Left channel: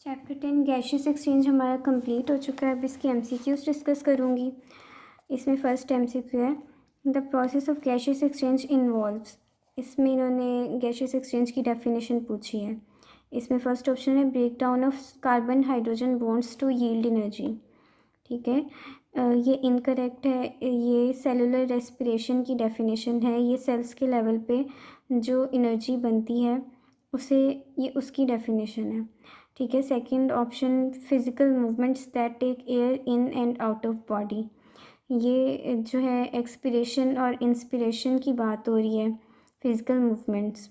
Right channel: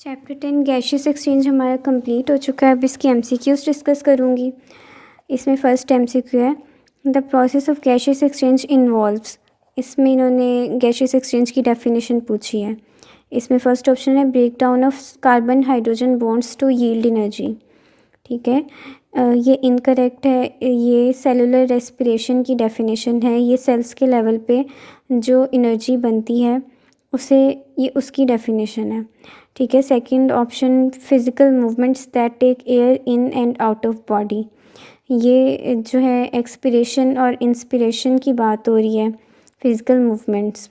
Chapter 10 gaseous exchange हमारा complete हो चुका है। अब इसकी एमसीक्यूज डिस्कस करूँगी। इसमें फ़र्स्ट एमसीक्यू है the process of gaseous exchange involves. इसमें इन्होंने गैशियस एक्सचेंज की डेफिनेशन पूछी है। इसमें फ़र्स्ट ऑप्शन है break down of carbon hydrogen bonds to yield energy. ठीक है, ये इनकरेक्ट है। ये सेलुलर रेस्पिरेशन की डेफिनेशन है। ये सेल्स के लेवल पे जो एनर्जी बनती है उसे ये उसकी डेफिनेशन है। ठीक है, second option physical movements that take air in and out of body. ये जो है एक्सपिरेशन और इंस्पिरेशन की बात हो रही है, फिज़िकल मूवमेंट्स।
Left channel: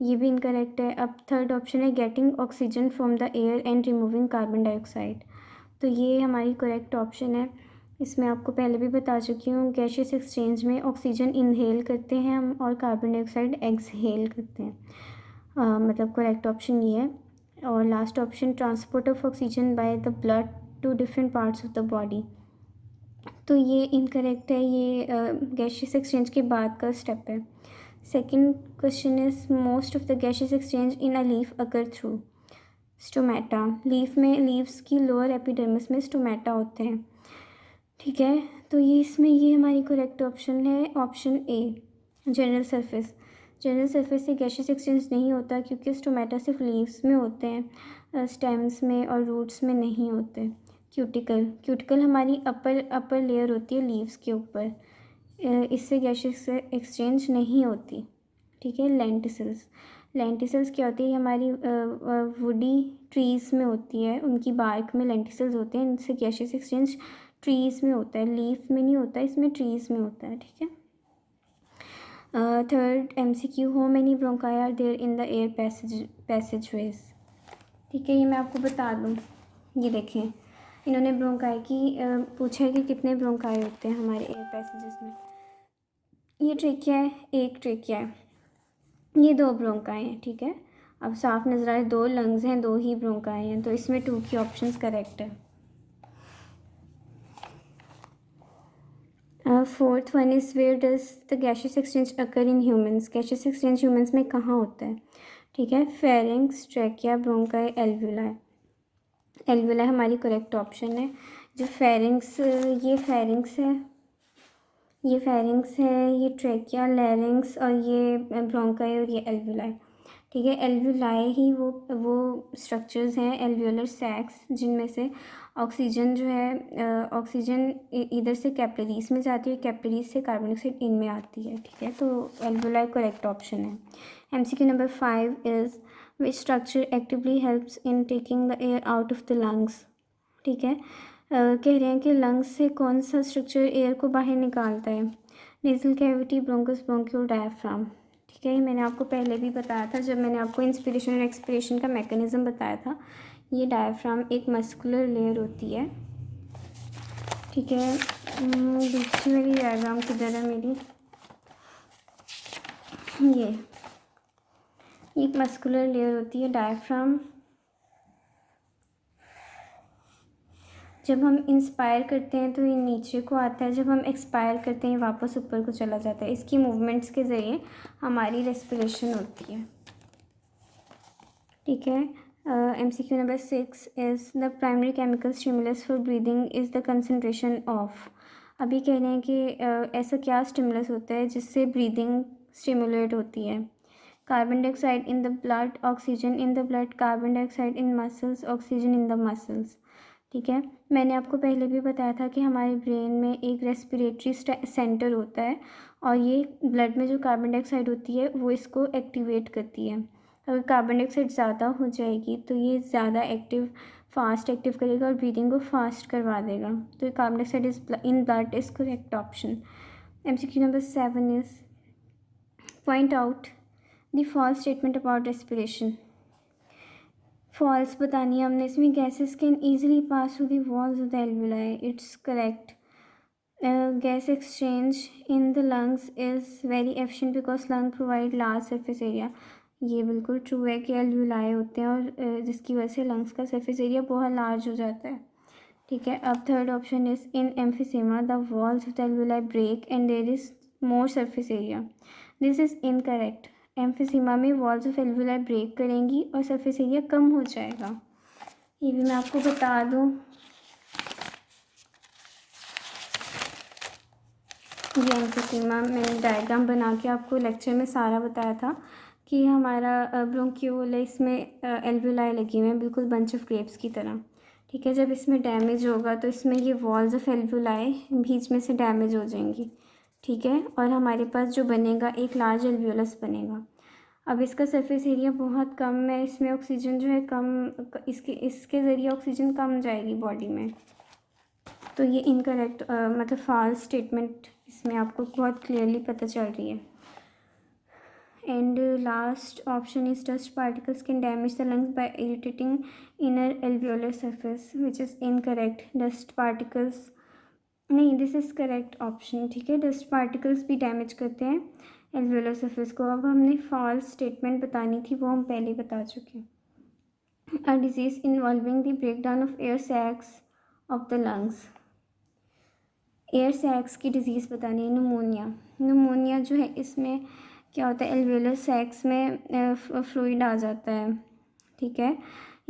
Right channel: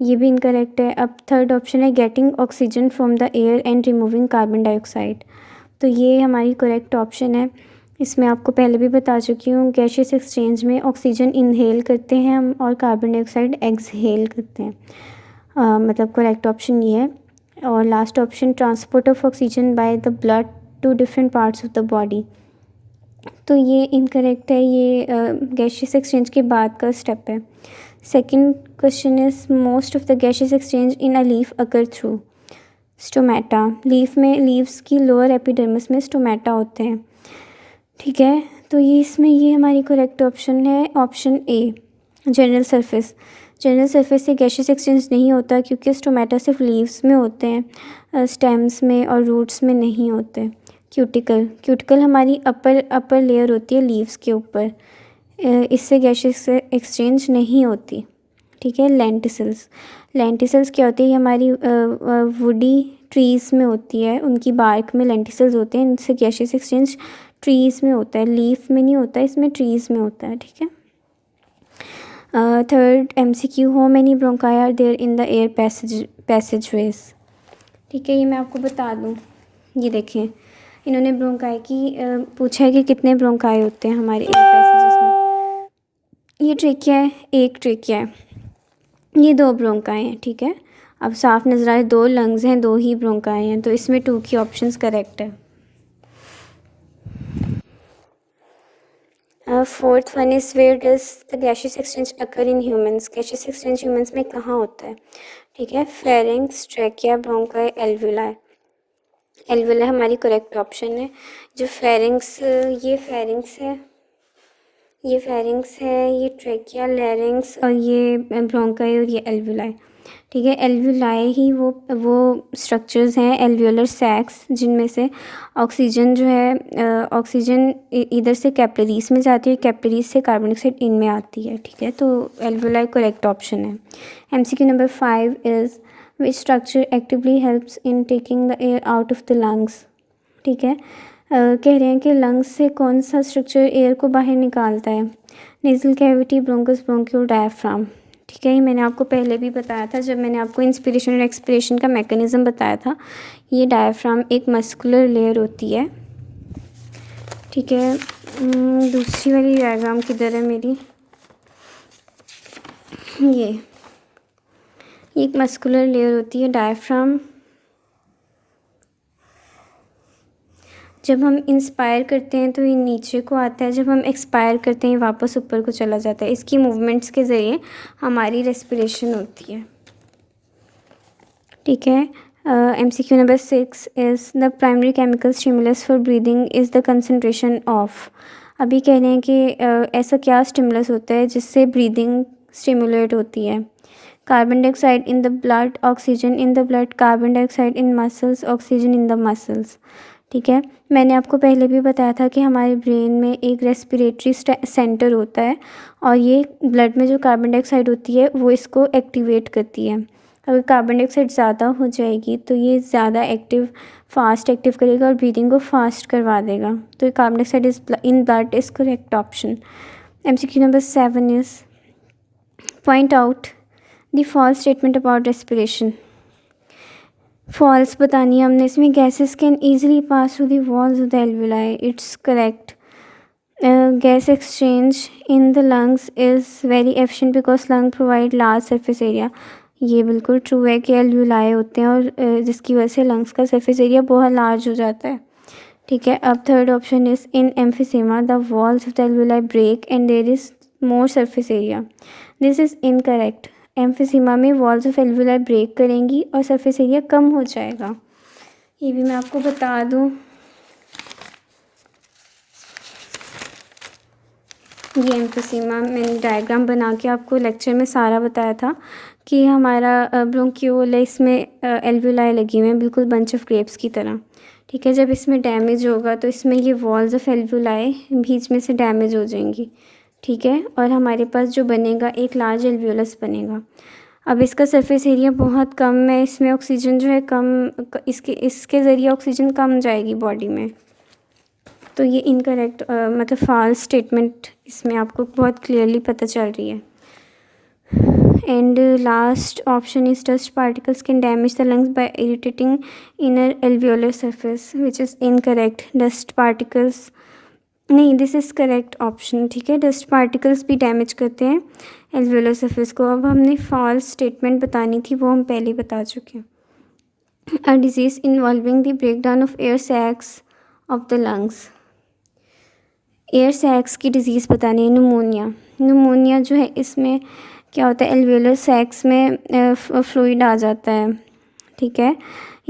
ये भी इनकरेक्ट है। अब थर्ड ऑप्शन है getting oxygen from the air and removing carbon dioxide. तो ये हमारी करेक्ट ऑप्शन है। इसमें आपको पहले भी बता चुकी हूँ, गैशियस एक्सचेंज में ऑक्सीजन इनहेल करते हैं हम और कार्बन डाइऑक्साइड एक्सहेल करते हैं। मतलब करेक्ट ऑप्शन ये है। और last option transport of oxygen by the blood to different parts of the body. तो ये इनकरेक्ट है। ये गैशियस एक्सचेंज के बाद का स्टेप है। Second question is most of the gaseous exchange in a leaf occur through stomata. Leaf में leaves की लोअर एपिडर्मिस में स्टोमेटा होते हैं। ठीक है, तो ये इसमें ये हमारी करेक्ट ऑप्शन है option a general surface. General surface से गैशियस एक्सचेंज नहीं होता क्योंकि स्टोमेटा सिर्फ लीव्स में होते हैं, स्टेम्स में और रूट्स में नहीं होते। क्यूटिकल हमारी अपर लेयर होती है लीव्स के ऊपर, इससे गैशियस एक्सचेंज नहीं होती। ठीक है, लेंटिसल्स क्या होती है? ये हमारी वुडी ट्रीज़ में होती है, उनकी बार्क में लेंटिसल्स होते हैं। इनसे गैशियस एक्सचेंज ट्रीज़ में होता है, लीफ में नहीं होता, इसमें ट्रीज़ में होता है। ठीक है, third MCQ how many bronchi are there in the air passageways. ठीक है, ये मैं आपको बता दूँ। ये देखें, इन्होंने ब्रोंकाई की पूछा है कि कितने ब्रोंकाई होते हैं हमारे एयर पैसेजेस में। ये ट्रेकिया है, एक ट्रेकिया है, ये दो ब्रोंकाई हैं। ठीक है, अब साफ नजर आ रहा है, दो लंग्स हैं, दो ही ब्रोंकाई हैं, तो इसमें 2 की ऑप्शंस करेक्ट है। Fourth one is where does the gaseous exchange occur in humans. Gaseous exchange humans में कहाँ होता है? ठीक है, pharynx, trachea, bronchi, alveoli. Alveoli हमारी करेक्ट ऑप्शन है। जो फेरिंग्स, ये फेरिंग्स है, ये फेरिंग्स है, ये ट्रैकिया, लैरिंग्स और ये ब्रोंकाई और ये एल्वुलाई। ठीक है, एल्वुलाई ही वो स्ट्रक्चर्स हैं, एल्वुलर सैक्स, जिनमें से ऑक्सीजन जो है ऑक्सीजन इधर से कैपिलरीज में जाती है, कैपिलरीज से कार्बन डाइऑक्साइड इनमें आती है। ठीक है, तो एल्वुलाई करेक्ट ऑप्शन है। MCQ number 5 is which structure actively helps in taking the air out of the lungs. ठीक है, कह रहे हैं कि लंग्स से कौन सा स्ट्रक्चर एयर को बाहर निकालता है? Nasal cavity, bronchus, bronchiole, diaphragm. ठीक है, ये मैंने आपको पहले भी बताया था जब मैंने आपको इंस्पिरेशन और एक्सपिरेशन का मैकेनिज़्म बताया था। ये डायफ्राम एक मस्कुलर लेयर होती है। ठीक है, दूसरी वाली डायग्राम किधर है मेरी? ये एक मस्कुलर लेयर होती है डायफ्राम। जब हम इंस्पायर करते हैं तो ये नीचे को आता है, जब हम एक्सपायर करते हैं वापस ऊपर को चला जाता है। इसकी मूवमेंट्स के ज़रिए हमारी रेस्पिरेशन होती है। ठीक है, MCQ number 6 is the primary chemical stimulus for breathing is the concentration of. अभी कह रहे हैं कि ऐसा क्या स्टिमुलस होता है जिससे ब्रीदिंग स्टिमुलेट होती है? Carbon dioxide in the blood, oxygen in the blood, carbon dioxide in muscles, oxygen in the muscles. ठीक है, मैंने आपको पहले भी बताया था कि हमारे ब्रेन में एक रेस्पिरेटरी सेंटर होता है और ये ब्लड में जो कार्बन डाइऑक्साइड होती है वो इसको एक्टिवेट करती है। अगर कार्बन डाइऑक्साइड ज़्यादा हो जाएगी तो ये ज़्यादा फास्ट एक्टिव करेगा और ब्रीदिंग को फास्ट करवा देगा। तो carbon dioxide is in blood is correct option. MCQ number 7 is point out the false statement about respiration. False बतानी है हमने इसमें। Gases can easily pass through the walls of the alveoli, it's correct. Gas exchange in the lungs is very efficient because lung provide large surface area. ये बिल्कुल true है कि alveoli होते हैं और जिसकी वजह से लंग्स का सरफेस एरिया बहुत लार्ज हो जाता है। ठीक है, अब third option is in emphysema the walls of the alveoli break and there is more surface area. This is incorrect. Emphysema में वॉल्स ऑफ एल्वुलाई ब्रेक करेंगी और सरफेस एरिया कम हो जाएगा। ये भी मैं आपको बता दूँ, ये एम्फीसीमा मैंने डायग्राम बना के आपको लेक्चर में सारा बताया था कि हमारा ब्रोंक्यूल है, इसमें एल्वुलाई लगी हुई हैं बिल्कुल बंच ऑफ ग्रेप्स की तरह। ठीक है, जब इसमें डैमेज होगा तो इसमें ये वॉल्स ऑफ एल्वुलाई बीच में से डैमेज हो जाएंगी। ठीक है, और हमारे पास जो बनेगा एक लार्ज एल्वुलस बनेगा। अब इसका सरफेस एरिया बहुत कम है, इसमें ऑक्सीजन जो है कम, इसके ज़रिए ऑक्सीजन कम जाएगी बॉडी में। तो ये इनकरेक्ट मतलब फॉल्स स्टेटमेंट इसमें आपको बहुत क्लियरली पता चल रही है। And last option is dust particles can damage the lungs by irritating inner alveolar surface, which is incorrect. Dust particles नहीं, दिस इज़ करेक्ट ऑप्शन। ठीक है, डस्ट पार्टिकल्स भी डैमेज करते हैं एल्वियोलर सरफेस को। अब हमने फॉल्स स्टेटमेंट बतानी थी, वो हम पहले ही बता चुके हैं। A disease involving the breakdown of air sacs of the lungs, air sacs की डिज़ीज़ बतानी है। न्यूमोनिया जो है, इसमें क्या होता है, एल्वियोलर सैक्स में फ्लूइड आ जाता है। ठीक है,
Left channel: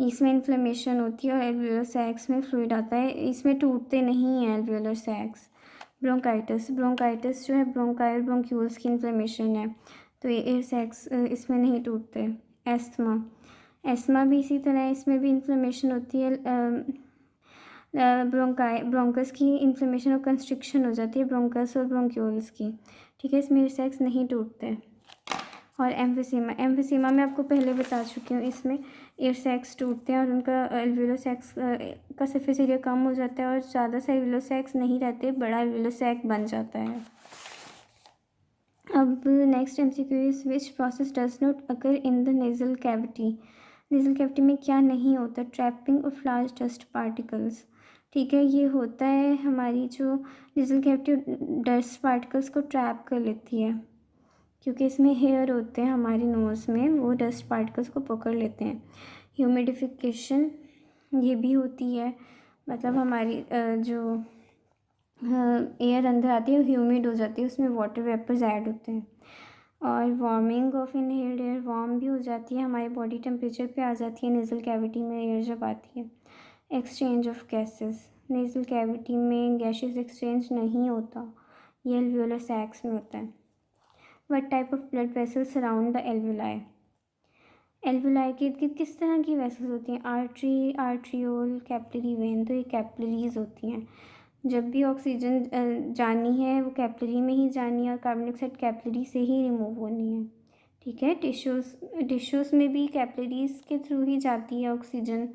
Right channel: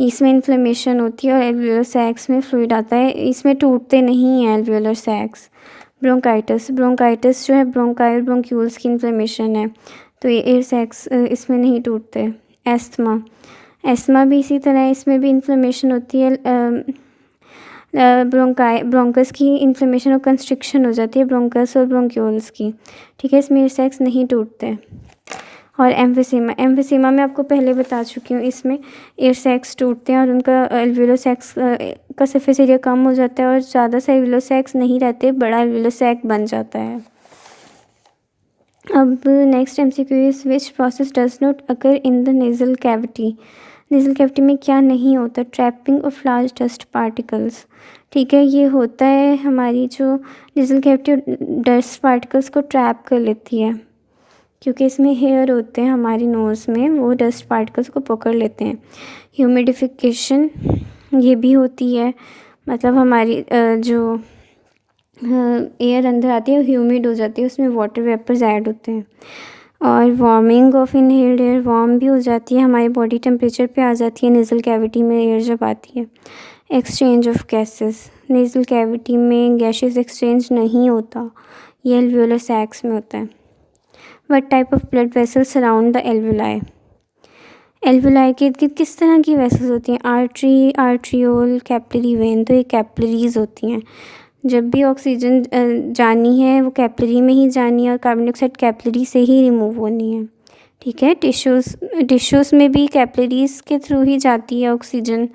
इसमें इन्फ्लेमेशन होती है और एल्वियोलर सैक्स में फ्लूइड आता है, इसमें टूटते नहीं हैं एल्वियोलर सैक्स। ब्रोंकाइटिस जो है, ब्रोंक्यूल्स की इन्फ्लेमेशन है, तो ये एयर सैक्स इसमें नहीं टूटते। एस्थमा भी इसी तरह, इसमें भी इन्फ्लेमेशन होती है, ब्रोंकस की इन्फ्लेमेशन और कंस्ट्रिक्शन हो जाती है ब्रोंकस और ब्रोंक्यूल्स की। ठीक है, इसमें एयर सैक्स नहीं टूटते। और एम्फीसीमा मैं आपको पहले बता चुकी हूँ, इसमें एयर सैक्स टूटते हैं और उनका एल्वियोलर सैक्स का सरफेस एरिया कम हो जाता है और ज़्यादा से एल्वियोलर सैक्स नहीं रहते, बड़ा एल्वियोलर सैक बन जाता है। अब next MCQ is which process does not occur in the nasal cavity. Nasal cavity में क्या नहीं होता? Trapping of large dust particles. ठीक है, ये होता है हमारी जो नेज़ल कैविटी डस्ट पार्टिकल्स को ट्रैप कर लेती है, क्योंकि इसमें हेयर होते हैं हमारी नोज़ में, वो डस्ट पार्टिकल्स को पकड़ लेते हैं। ह्यूमिडिफिकेशन ये भी होती है, मतलब हमारी जो एयर अंदर आती है ह्यूमिड हो जाती है, उसमें वाटर वेपर्स ऐड होते हैं। और warming of inhaled air, warm भी हो जाती है, हमारी बॉडी टेम्परेचर पे आ जाती है नेज़ल कैविटी में एयर जब आती है। Exchange of gases, nasal cavity में गैसेस एक्सचेंज नहीं होता, ये एल्वियोलर सैक्स में होता है। What type of blood vessels surround the alveoli. Alveoli के इर्द किस तरह की वेसल्स होती हैं? आर्टरी, आर्ट्रियोल, कैपिलरी वेन, तो ये कैपिलरीज होती हैं। जब भी ऑक्सीजन जानी है वो कैपिलरी में ही जानी है और कार्बन डाइऑक्साइड कैपिलरी से ही रिमूव होनी है। ठीक है, टिश्यूज़ में भी कैपिलरीज के थ्रू ही जाती है ऑक्सीजन,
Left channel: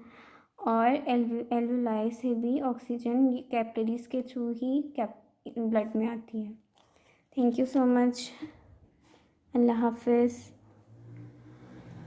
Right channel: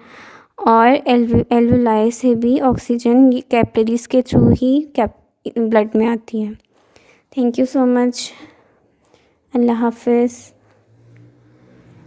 और एल्वियोलाई से भी ऑक्सीजन कैपिलरीज के थ्रू ही ब्लड में आती है। Thank you so much. अल्लाह हाफिज़।